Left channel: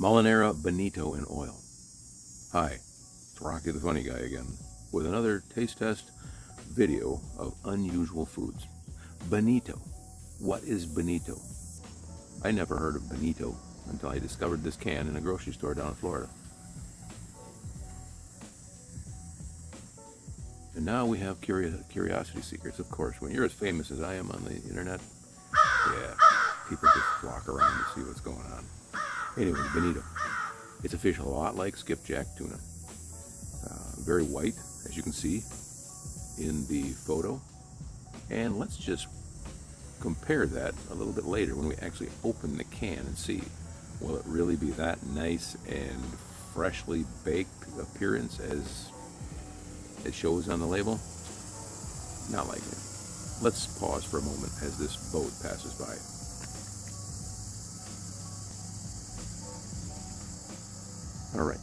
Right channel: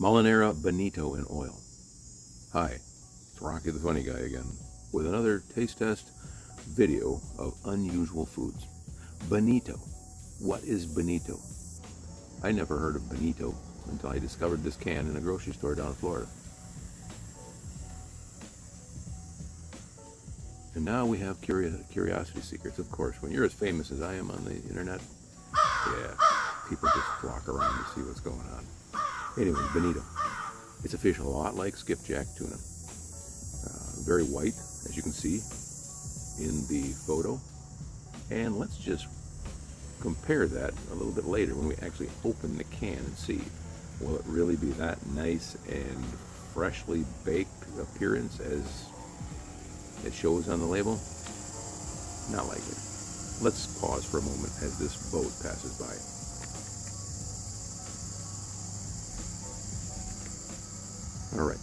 Molinera Bonito in oil. Hi, it's Rocky the Funny Guy again with another taste test video of unusual foods. Bonito. What is bonito? I never heard of bonito until I discovered this can in a grocery store down in Florida. And now we have curiosity seekers, of course. When you're as famous as I am on the internet, yeah, people just flock around to see what's going on. Anyway, bonito. It's a fish a lot like skipjack tuna. Very white, as you can see in the photo. And let's just compare that a little bit later when we actually open the can and see. Will it really be that nice and freshly baked appearance as it shows on the label? Not likely. Let's pause for a moment as this boat passes by. Alright.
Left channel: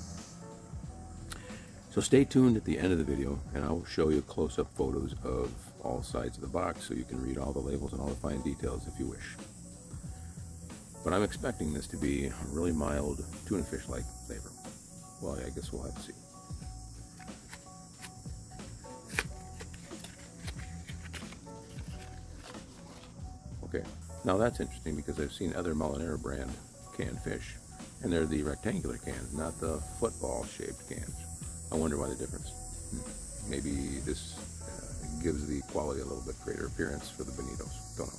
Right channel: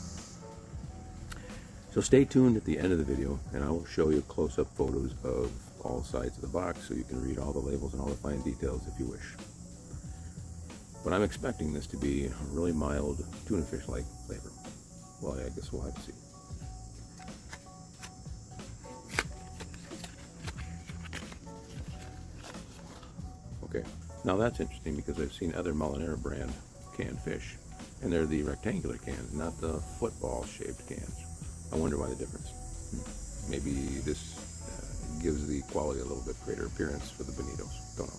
So stay tuned at the end of the video and I'll show you close-up photos of all sides of the box so you can read all the labels and all the fine details if you wish. But I'm expecting this to be a really mild tuna fish-like flavor. Well, I guess we'll have to see. Okay, now that's interesting because I've seen other Molinera brand canned fish, and they're the rectangular cans, not the football-shaped cans. I wonder why the difference. Maybe this gives the quality a little bit greater appearance for the bonitos. Don't know.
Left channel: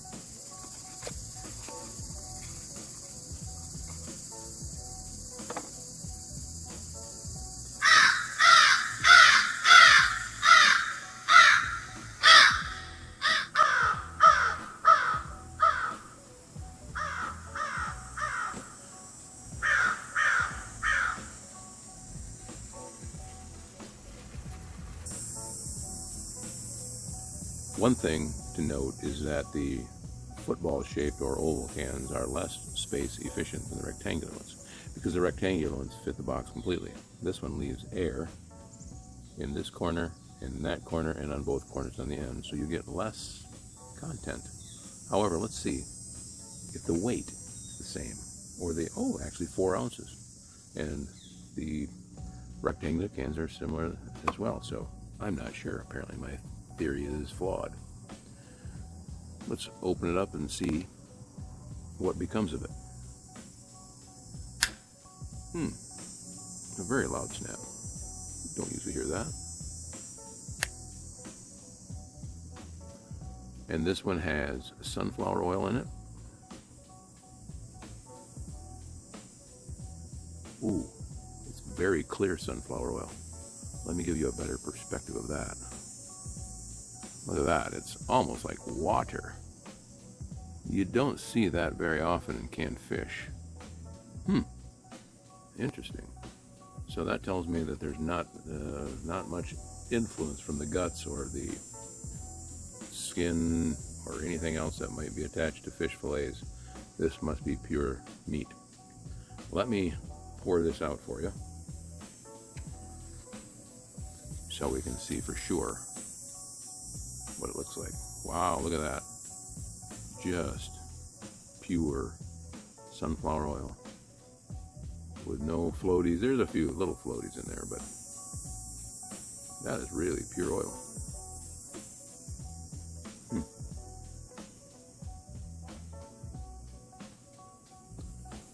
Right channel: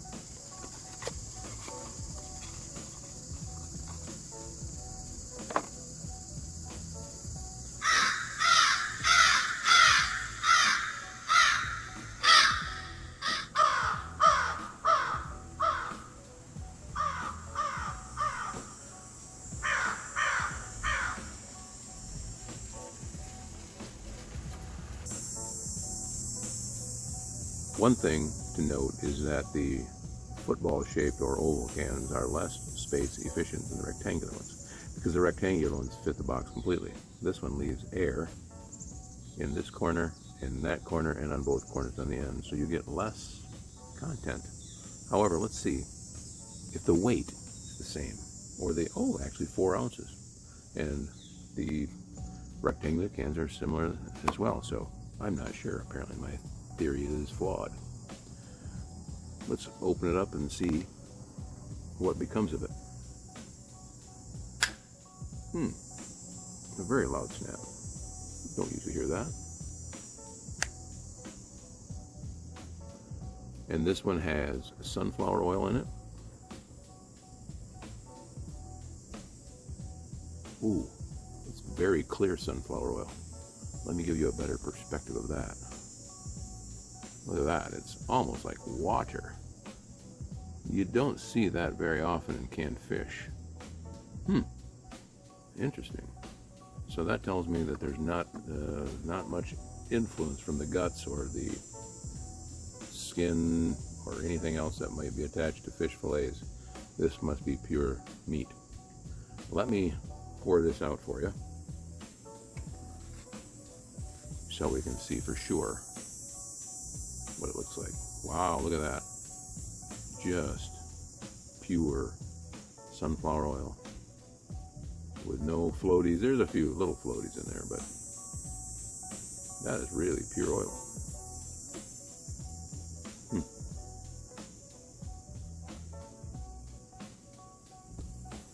One thing to note is that the football-shaped or oval cans are less space efficient than the rectangular ones because the rectangular ones fit the box completely. This one leaves air in this corner and in that corner and on both corners on the end, so you get less content. However, let's see if the weight is the same, or actually 4 ounces, and the rectangular cans are similar as well. So I'm not sure. Apparently my theory is flawed. Let's open it up and see what becomes of it. A very loud snap. Don't usually hear that. And this one has sunflower oil in it. Ooh, it's very clear sunflower oil. Let me give you a better perspective of that. Look at that, it's almost like water. You don't see that very often in canned fish. Interesting. So that tells me that there's not much influence from the guts or the skin or anything else that might be attached to fish fillets. This must be pure meat. Let me pour this out for you so we can see for sure what it looks like. Wow, look at that. Just pure sunflower oil with no floaties. There's a few little floaties in there, but that is really pure oil.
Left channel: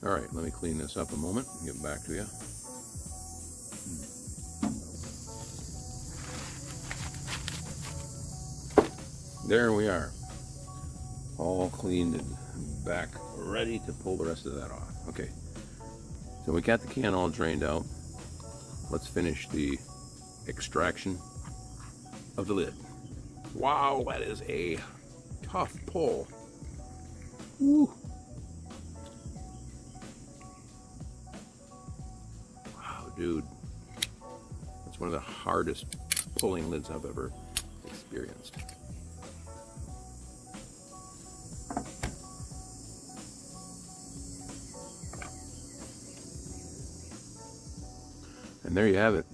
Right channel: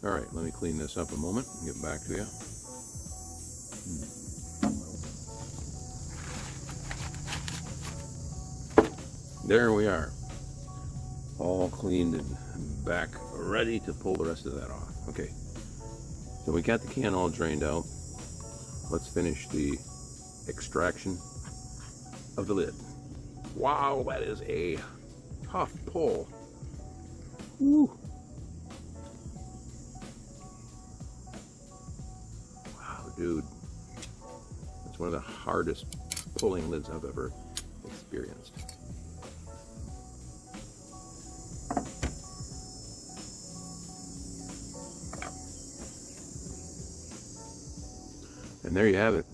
All right, let me clean this up a moment and get back to you. There we are, all cleaned and back, ready to pull the rest of that off. Okay, so we got the can all drained out. Let's finish the extraction of the lid. Wow, that is a tough pull. Woo. Wow, dude, it's one of the hardest pulling lids I've ever experienced. And there you have it.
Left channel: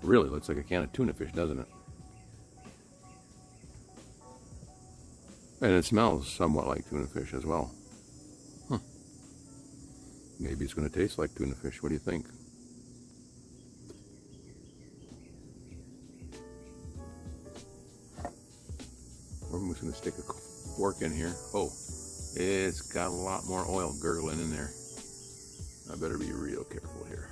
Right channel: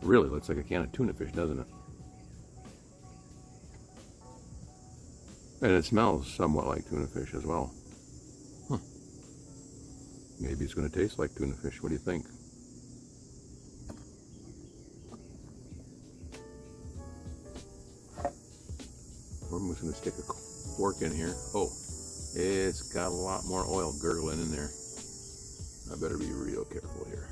Really looks like a can of tuna fish, doesn't it? And it smells somewhat like tuna fish as well. Maybe it's going to taste like tuna fish. What do you think? I'm just going to stick a fork in here. Oh, it's got a lot more oil gurgling in there. I better be real careful here.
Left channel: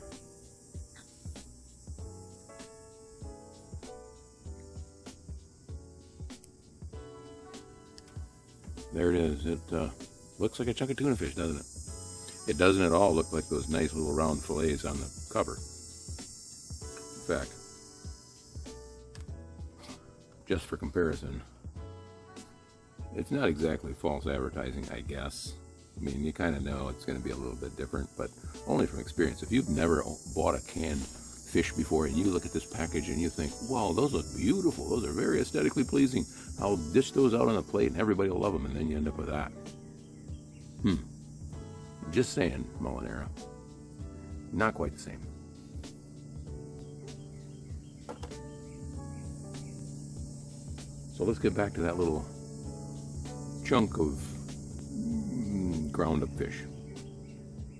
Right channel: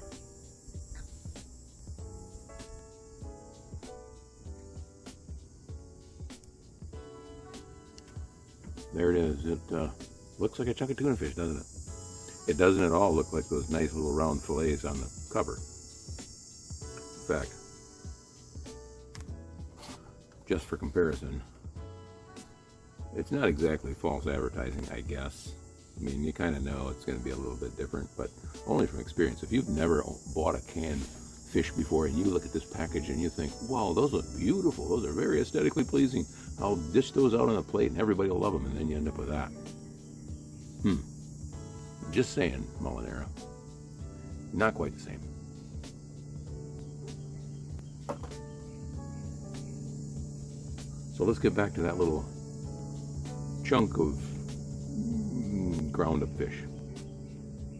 There it is. It looks like a chunk of tuna fish, doesn't it? It doesn't at all look like those nice little round fillets on the cover. In fact, just for comparison, it's not exactly false advertising, I guess. I mean, you kind of know it's going to be a little bit different, but only from experience. If you've never bought a canned fish before and you look at this package and you think, wow, those look beautiful, those are very aesthetically pleasing, I'll dish those out on a plate and everybody will love them, and then you end up with that. Just saying, Molinera. Not quite the same. So let's get back to that little chunk of ground up fish.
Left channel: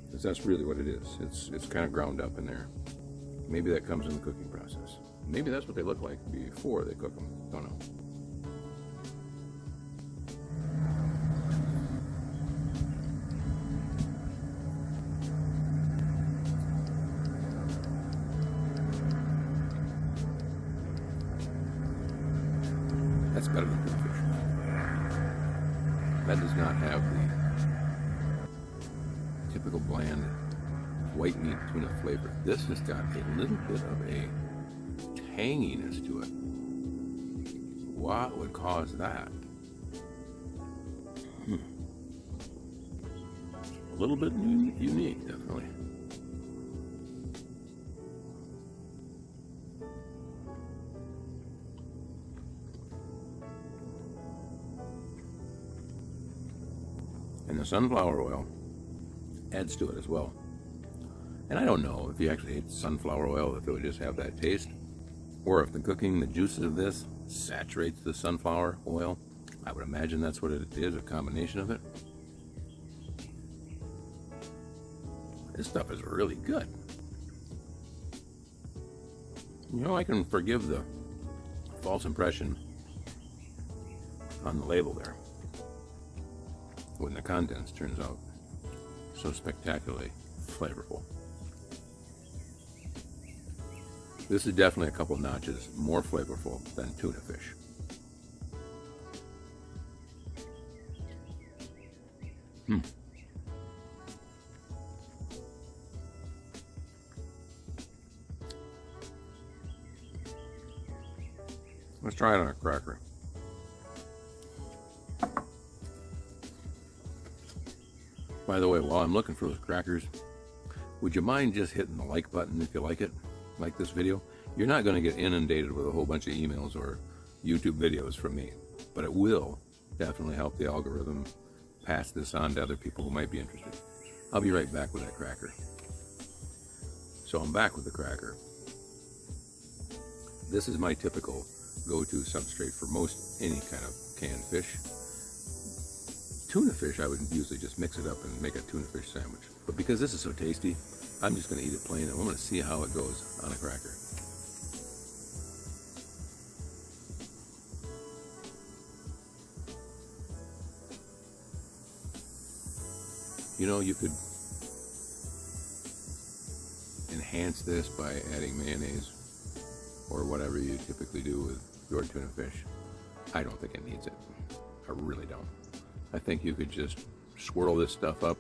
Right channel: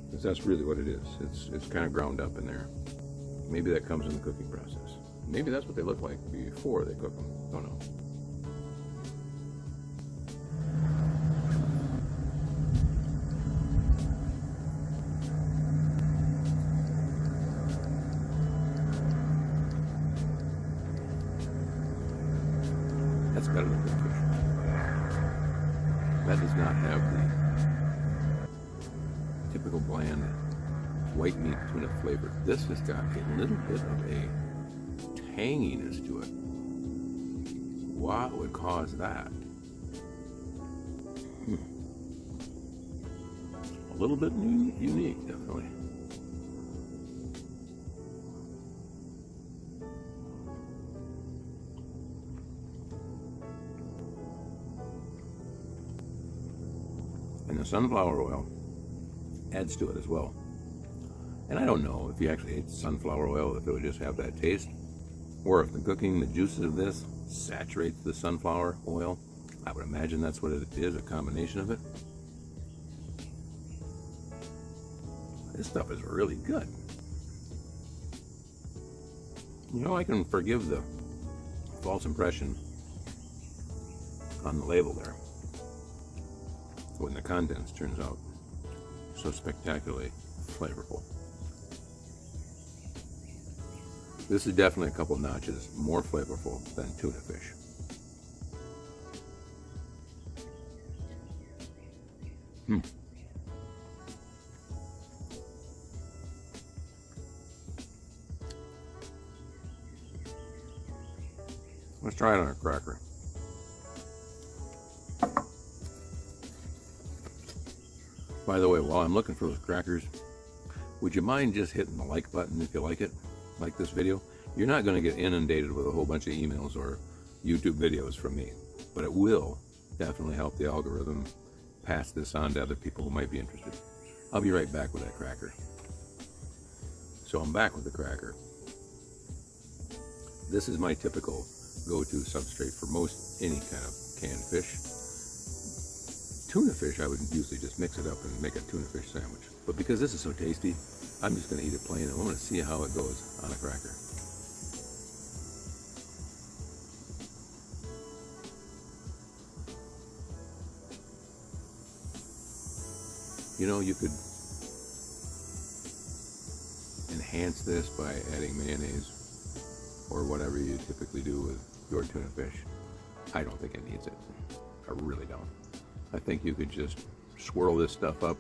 Because that's really what it is. It's kind of ground up in there. Maybe that comes in the cooking process. Maybe that's what they look like before they cook them. Don't know. That's better than cooking. That does not have the typical bland white meat tuna flavor. This has got a little bit of a tanginess to it. What would cause that? A little bit unique, definitely. And the sunflower oil adds to it as well. And I don't know if you actually ate sunflower oil, if it would just have that taste, or if the cooking, the juices of this saturates the sunflower oil. I would imagine that's what it is, a combination of it. This stuff is really good. You know, I can forgive the false impression on the label there when the contents turns out so spectacularly flavorful. This is definitely a couple notches more flavorful than tuna fish. Let's try it on a cracker. By the way, while I'm looking for those crackers, would you mind just hitting the like button if you like it? Like this video? You're not going to get inundated with a whole bunch of emails or YouTube videos from me, but it will definitely help the algorithm pass this on to other people who might be interested. I'll be right back with that cracker. So I'm back with the cracker. This is my typical go-to substrate for most any kind of canned fish. Tuna fish, I would usually just mix it up and make a tuna fish sandwich. But because this is so tasty, I'm just going to eat it plain. I want to see how it goes on a cracker. You know, you could enhance this by adding mayonnaise or whatever you typically do with your tuna fish. I don't think it needs it. I really don't. I think you could just swirl this stuff up,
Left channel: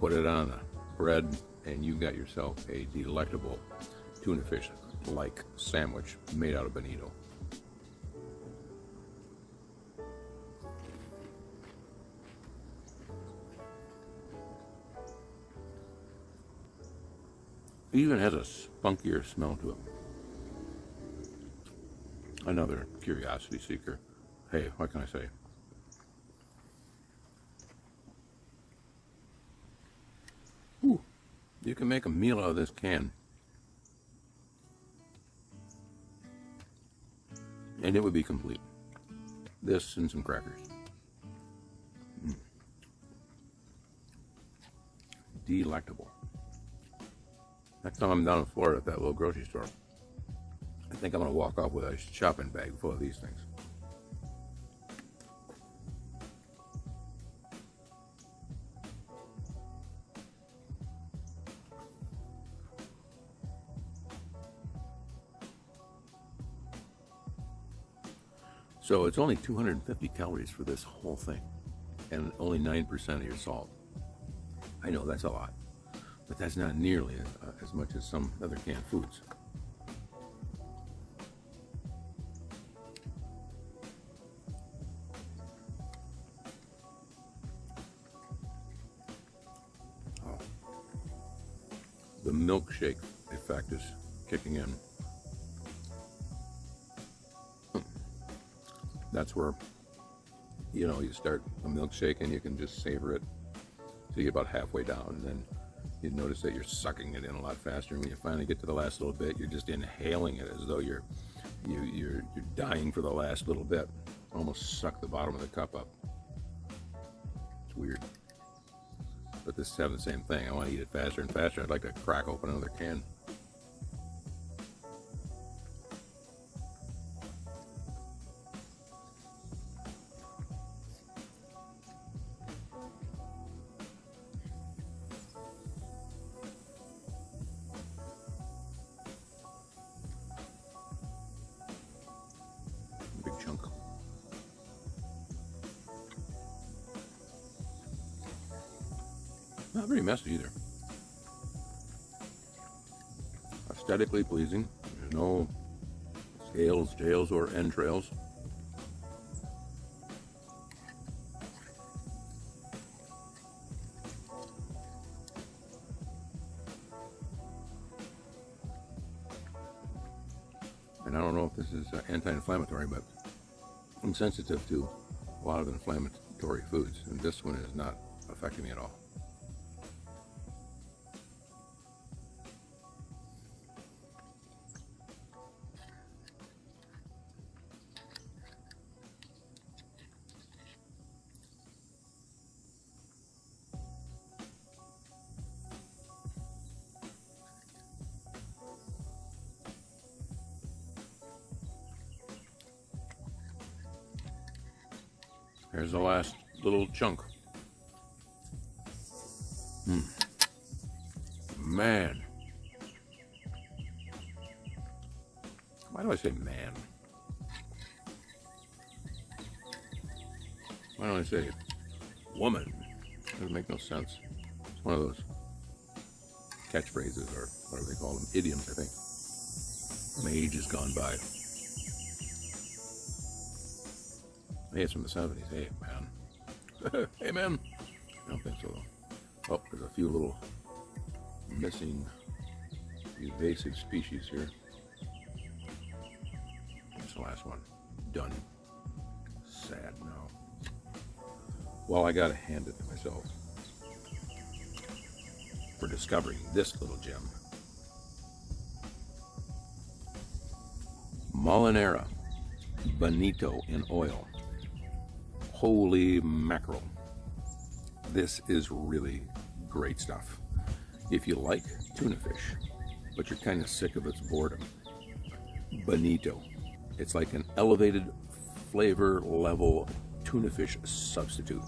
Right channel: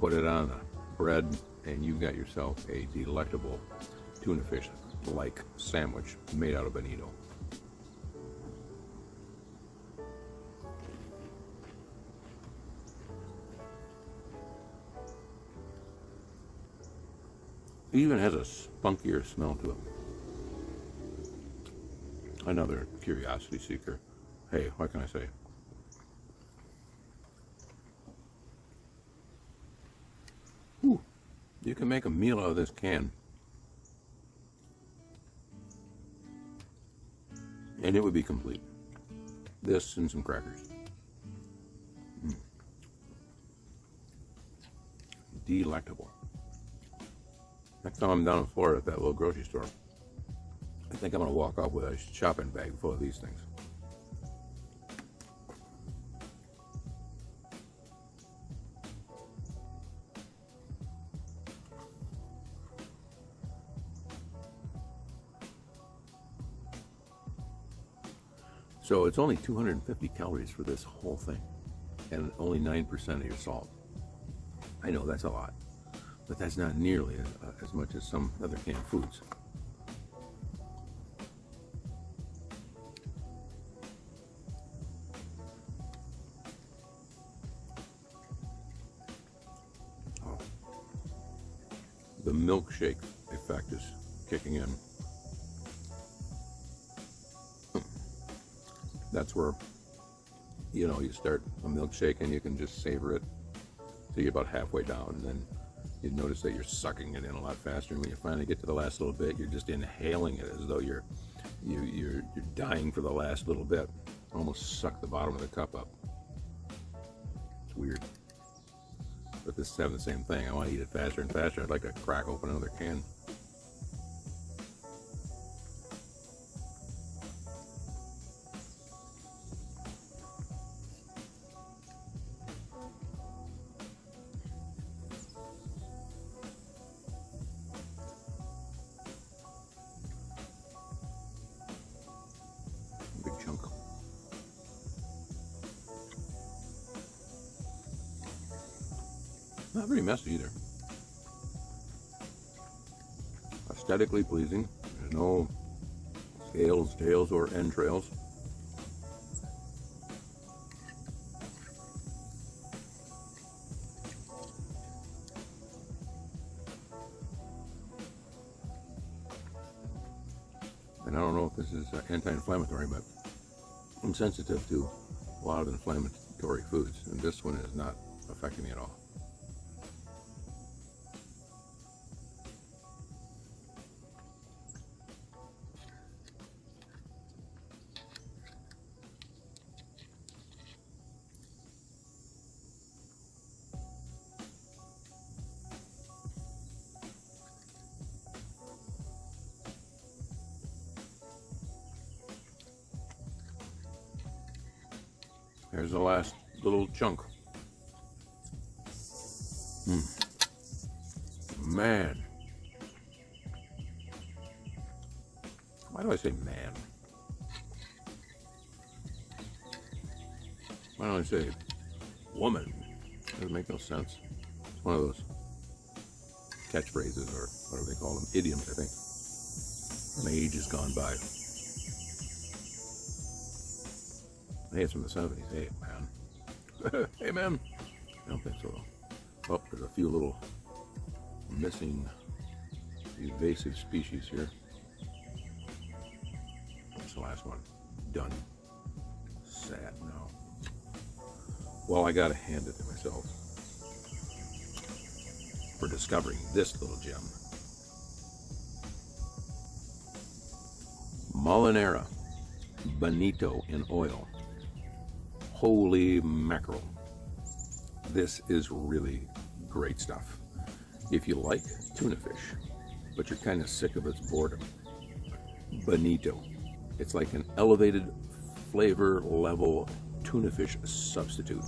put it on a bread, and you've got yourself a delectable tuna fish like sandwich made out of bonito. It even has a spunkier smell to it. Another curiosity seeker. Hey, what can I say? Ooh, you can make a meal out of this can. And it would be complete. This and some crackers. delectable. Next time I'm down in Florida at that little grocery store, I think I'm going to walk off with a shopping bag full of these things. So it's only 250 calories for this whole thing, and only 9% of your salt. I know that's a lot, but that's not nearly as much as some other canned foods. Oh. The milkshake effect is kicking in. That's where, you know, you start a milkshake and you can just savor it, take it about halfway down, and then you notice that you're sucking it in a lot faster. And when you finally get to the last little bit, you're just inhaling it as though you're dying for the last little bit. Almost suck the bottom of the cup up. It's weird. But this is having the same thing. I want to eat it faster and faster. I'd like to crack open another can. Big chunk. Not very messy either. Aesthetically pleasing. There's no scales, tails, or entrails. And I don't know if this is anti-inflammatory, but I'm sensitive to a lot of inflammatory foods, and this one is not affecting me at all. Here's the last little chunk. Man. Why do I say man? Why don't I say woman? Doesn't make no sense. It's one of those catchphrases or whatever they call them. Idioms, I think. The age has gone by. I think it's from the 70s. Hey, man. Hey, man. I don't think so, though. Oh, there's a few little missing invasive species here. That's the last one. Done. Sad now. Well, I gotta hand it to myself for discovering this little gem. Molinera Bonito in oil. Holy mackerel. This is really great stuff. If you like tuna fish, but you're kind of sick of its boredom, Bonito. It's like an elevated flavor level tuna fish substitute.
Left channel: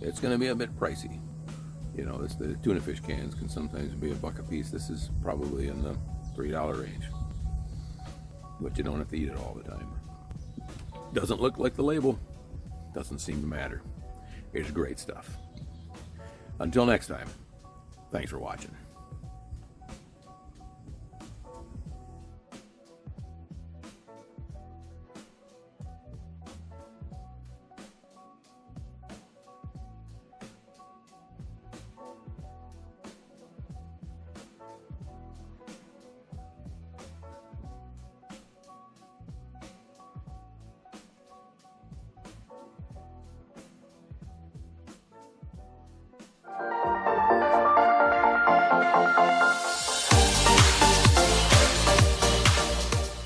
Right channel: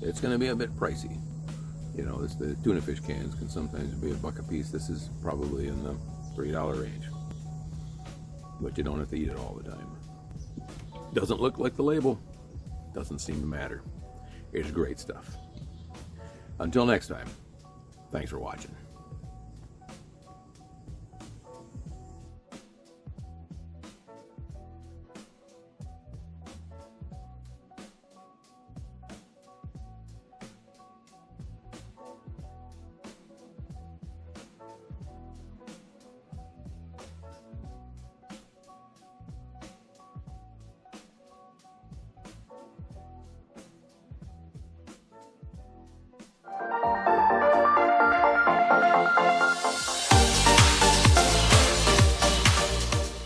It's going to be a bit pricey. You know, the tuna fish cans can sometimes be $1 a piece. This is probably in the $3 range. But you don't have to eat it all the time. Doesn't look like the label. Doesn't seem to matter. It's great stuff. Until next time, thanks for watching.